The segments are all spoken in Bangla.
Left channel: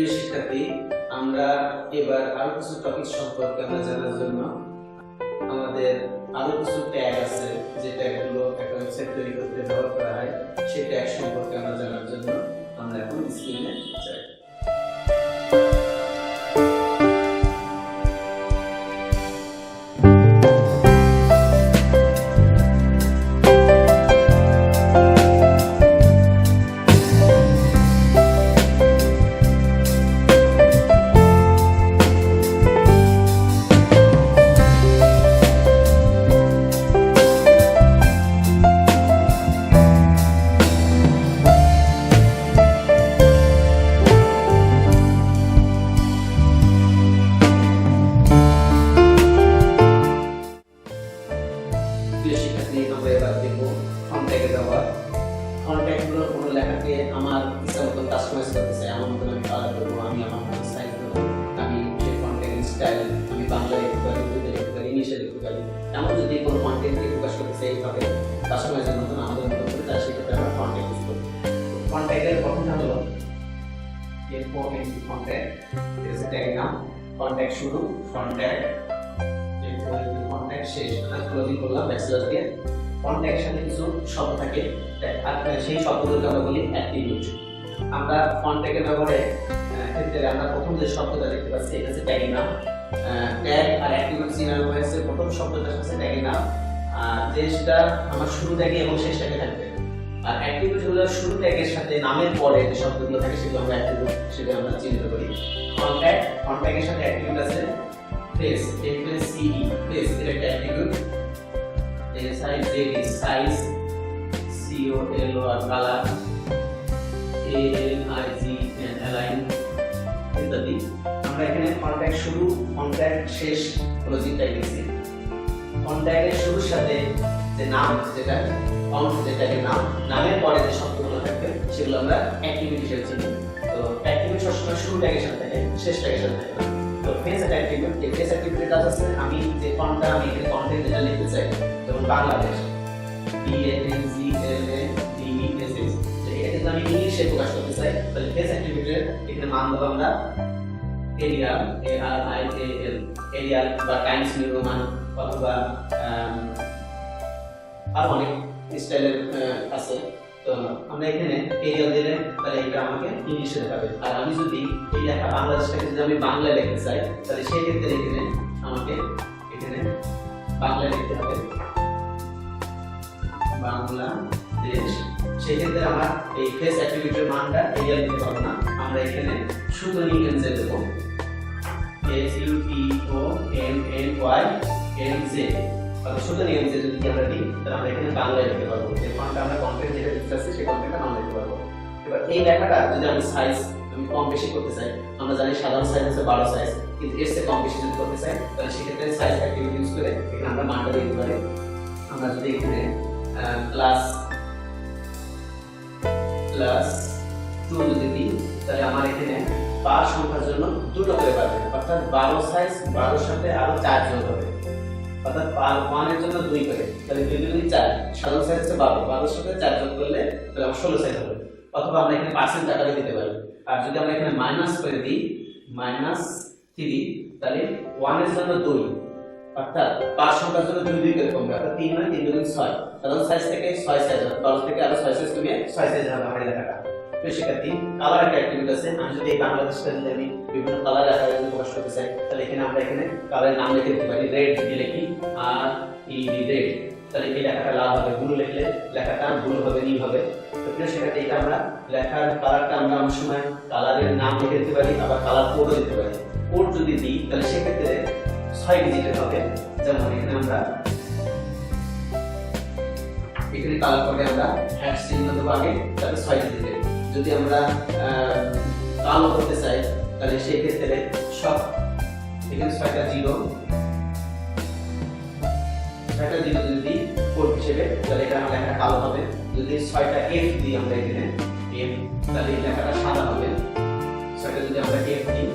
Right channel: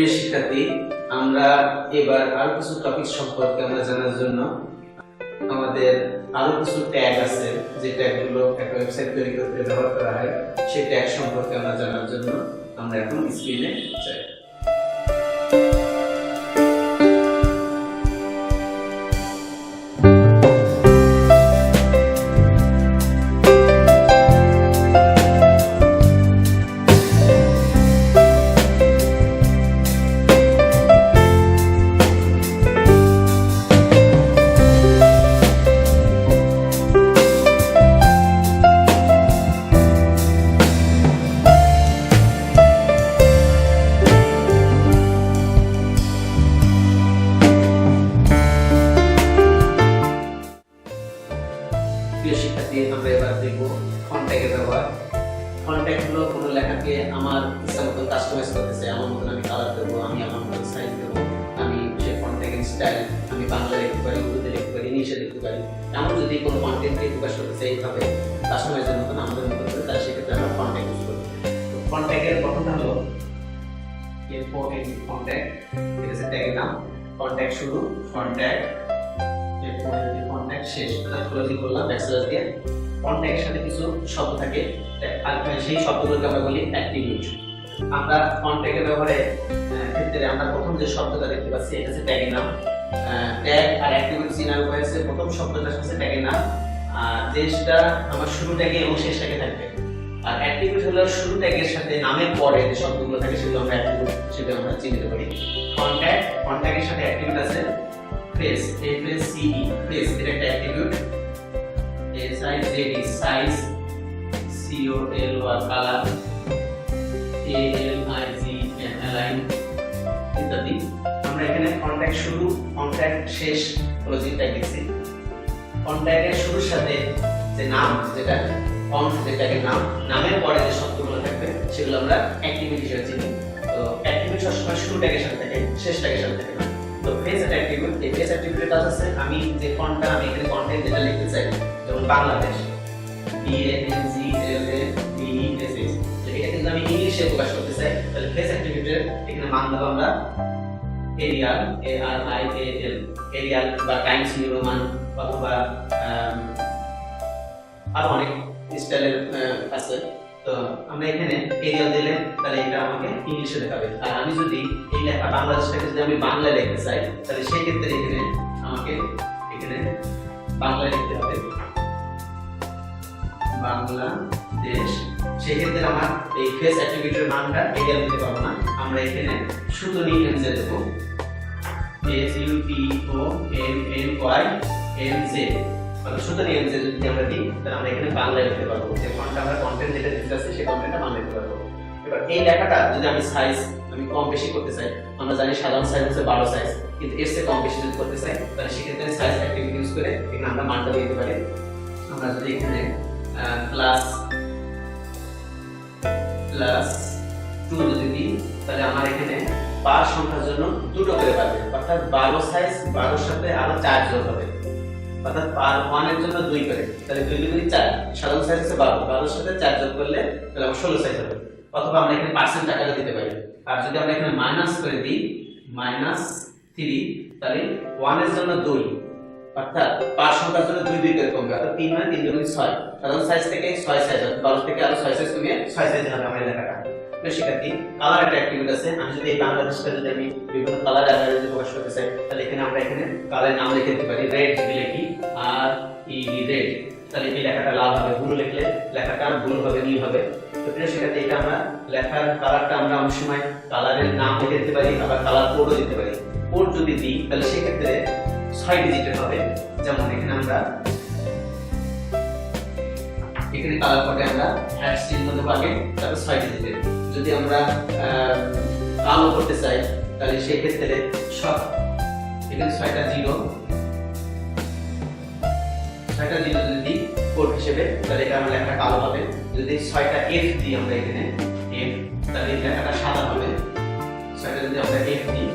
প্রিয় শিক্ষার্থী, আমরা এবার আরো কিছু টপিক সম্পর্কে জানার জন্য আমাদের আরো কিছু ট্যাগ আছে, যে ট্যাগগুলো একটা ওয়েবসাইট তৈরি করতে ব্যবহার করা হয়, সেই ট্যাগ সম্পর্কে জানার জন্য আমরা এখন স্ক্রিনে যাই। আমরা এবার দেখব কন্ট্যাক্টের ব্যবহার। কন্ট্যাক্ট হলো কোনো লেখাকে আমার ইচ্ছা মতো কাস্টমাইজ করতে চাই, আমার মতো আমি কালার দেবো, আমি আমার মতো স্টাইল দেবো, আমি সে কন্ট্যাক্ট স্টাইল আমি বাংলা লিখতে পারি, উর্দুতে লিখতে পারি, ইংলিশে লিখতে পারি। এমন যদি কোনো কন্টেন্টকে প্রকাশ করতে চাই এইভাবে কাস্টমাইজের মতো আমাদের মতো হবে, তাহলে সেক্ষেত্রে আমরা কন্ট্যাক্ট ইউজ করব। কন্ট্যাক্টের গঠন হলো কন্ট্যাক্ট, এটা হচ্ছে ট্যাগের নাম। কন্ট্যাক্ট শুরু, কন্ট্যাক্ট শেষ, ক্লোজিং করলাম ব্যাকস্ল্যাশ দিয়ে। কন্ট্যাক্টের সাথে কিছু শব্দ থাকে, আর সেই শব্দগুলোকে আমরা বলি অ্যাট্রিবিউট। আমরা কন্ট্যাক্টের ব্যবহারে ক্ষেত্রে আমরা প্রথম যে শব্দটা দেখতে পাচ্ছি এটা হচ্ছে ট্যাগের নাম। ট্যাগ আর অ্যাট্রিবিউট চিনার উপায় আছে, প্রথম শব্দটা হচ্ছে ট্যাগের নাম, আর যেটা আমার শুরু ট্যাগে এবং শেষ ট্যাগে থাকবে। আর অ্যাট্রিবিউট হলো শুরু ট্যাগের সাথে নামের পরে যে শব্দগুলো থাকে সেগুলো আমরা অ্যাট্রিবিউট হিসেবে আমরা চিহ্নিত করি। কন্ট্যাক্টের সাথে অ্যাট্রিবিউট আছে প্লেস, FACE, প্লেস এটা একটা attribute. SIZ size, COLOR colour, ALIGN align ইত্যাদি। আমরা এখানে কন্ট্যাক্ট শুরু, কন্ট্যাক্ট শেষ, ক্লোজিং ট্যাগ লিখছি। কন্ট্যাক্টের শুরুর সাথে যে নাম, যেটা ট্যাগের নাম, নামের পরে যে শব্দগুলো থাকবে সেগুলো আমরা অ্যাট্রিবিউট হিসেবে চিনি। তো অ্যাট্রিবিউট সবসময় শুরু ট্যাগের সাথে থাকে, শেষ ট্যাগের সাথে থাকে। তো ফেস অ্যাট্রিবিউট, এই ফেস অ্যাট্রিবিউটের কাজ আছে আমি যে ফন্টটা আমি এখানে কন্টেন্ট যেটা লিখতে চাই, যেমন বাংলাদেশ BANGLADESS, তো এটা কিন্তু আমি ইংলিশে প্রকাশ করতে চাই, তাহলে ফেস অ্যাট্রিবিউটের এখানে মান দেব আমরা এরিয়াল, ARIAL, এরিয়াল বা টাইমস নিউ রোমান অথবা আরো অনেক স্টাইলের আছে। তো আমরা এখানে এরিয়াল দিলে তাহলে এটা আমাকে ইংলিশে দেখাবে। আর আমি যদি এই লেখা বাংলাদেশটাকে যদি আমি বাংলা লিখতে চাই, তাহলে সেই ক্ষেত্রে এখানে আমাকে এখানে বাংলা লিখতে হবে, বাংলাদেশ। সেই ক্ষেত্রে আমার এই ফেস অ্যাট্রিবিউটের মানটা এরিয়াল দিতে পারবো না, আমরা এখানে সুতনি এমজে দেব, SUTONNYMJ, সুতনি এমজে যদি আমরা দিই তাহলে আমরা এখানে বাংলা লিখতে পারবো। আমরা কন্টেন্ট যেটা দিতে চাচ্ছি সেই কন্টেন্টটা বাংলা লিখতে পারবো। এবার এই লেখাটা যদি আমি সাইজ আমি কম বেশি করতে চাই, আমরা জানি সাধারণ সাইজ হচ্ছে 12 সাইজ, কিন্তু এর চেয়ে কম বেশি যদি করতে চাই তাহলে সেক্ষেত্রে সাইজ অ্যাট্রিবিউট ইউজ করে এখানে আমরা মানটা দিতে পারি। আমরা যদি এখানে +2 যদি দিই তাহলে আমার এখানে পার সংখ্যার জন্য দুটো করে পাবে, অর্থাৎ 12 সাইজ 12 সাথে আরো 4 যোগ হবে, অর্থাৎ পার 1 এর জন্য 2 করে, তাহলে 2 2 4, সাধারণ সাইজ হচ্ছে 12, 12 সাথে 4 যোগ করলে তাহলে আমার 16 সাইজ হবে। অথবা আমরা এখানে পার্সেন্ট টাকাটা দিতে পারি। আর যদি আমরা এখানে মাইনাস করে দিই -3, তাহলে 1 এর জন্য 2, অর্থাৎ পার সংখ্যার জন্য 2 2 করে কমবে, অর্থাৎ 3 মানে 3 2 6, সাধারণ সাইজ থেকে 6 সাইজ, 12 থেকে আরো 6 সাইজ কমে 6 সাইজ হবে আমরা লেখাটা। তো সেক্ষেত্রে কালার একটা অ্যাট্রিবিউট আছে, আমি যদি এই বাংলাদেশটা যদি আমি বিভিন্ন কালার অ্যারেঞ্জ প্রকাশ করতে চাই তাহলে এখানে আমরা এখানে কালারের নাম লিখে দিতে পারি, রেড যদি লিখি RED রেড, তাহলে এই লেখাটা লাল হবে, ব্লু লিখলে লেখাটা ব্লু হবে, নীল হবে। তো প্রিয় শিক্ষার্থী, এটা আমরা লেখার কালারটা আমরা অনেক সময় কালারের নাম লিখে দিতে পারি, আবার কালার কোডও দিতে পারি। কোড যদি দিই তাহলে সেক্ষেত্রে 6 ডিজিটের হবে, যেমন এখানে আমরা এখানে কালার কোডে আমরা হ্যাশ চিহ্ন দেব আগে, তারপর 6 ডিজিটের। যদি আমরা কালো করতে চাই তাহলে সেই ক্ষেত্রে সব এখানে 6টা জিরো যদি দিই কোড হিসেবে তাহলে এটা আমার লেখা কালো হবে। যদি 6টা F দিই আমরা এখানে F, তাহলে এই লেখাটা সাদা হবে। 6টা যদি আমরা F দিই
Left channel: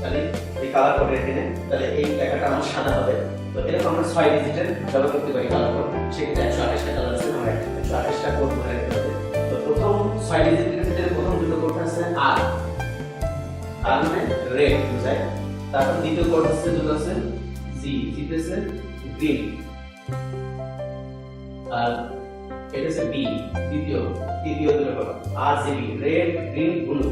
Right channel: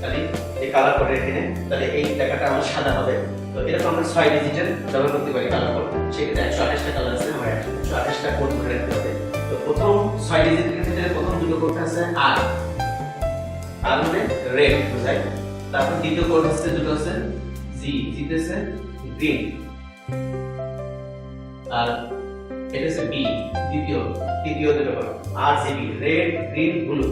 তাহলে এই কালার কোড এখানে, তাহলে এই লেখাটা আমার সাদা হবে। তো এরকম আমরা 6 ডিজিটের ব্যবহার করতে পারি কালার কোড। সেক্ষেত্রে 128টা কালার আছে, আমার 128টা কোড করে রাখতে হবে। তো প্রথম 6 ডিজিটের ক্ষেত্রে প্রথম দুটো কোড আছে আর মানে রেড বুঝায়। তারপর দ্বিতীয় কোড আছে যেটা আছে জি জিতেছে গ্রিন, আর এটা হচ্ছে বি তৃতীয় দুটো code RGB red green blue,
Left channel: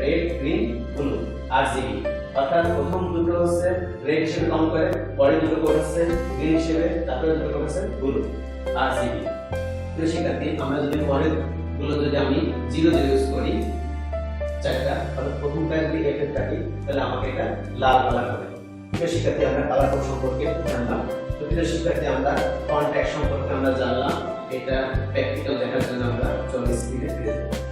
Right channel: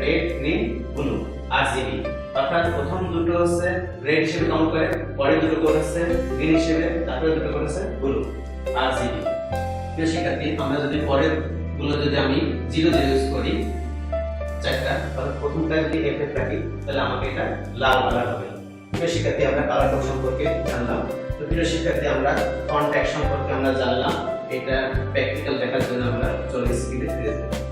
red green blue RGB. অর্থাৎ প্রথম দুটো হচ্ছে রেড হিসেবে কাউন্ট করে, পরে দুটো কোড আছে গ্রিন হিসেবে, তারপরে দুটো কোড আছে ব্লু আরজিবি। তো শিক্ষার্থী আমরা যদি পরের গুলো যদি আমি 0 ইউজ করি চারটা, তাহলে প্রথমটা যদি এফেক্ট রাখি তাহলে আমাকে এটা লাল কালার হবে। তো শিক্ষার্থী আমরা কালার কোড সম্পর্কে জানলাম। তো প্রিয় শিক্ষার্থী আমরা কন্ট্যাক্ট সম্পর্কে আমরা জানলাম। এটা প্র্যাকটিক্যাল দেখার জন্য আমরা চলে স্ক্রিনে ফিরে যাই।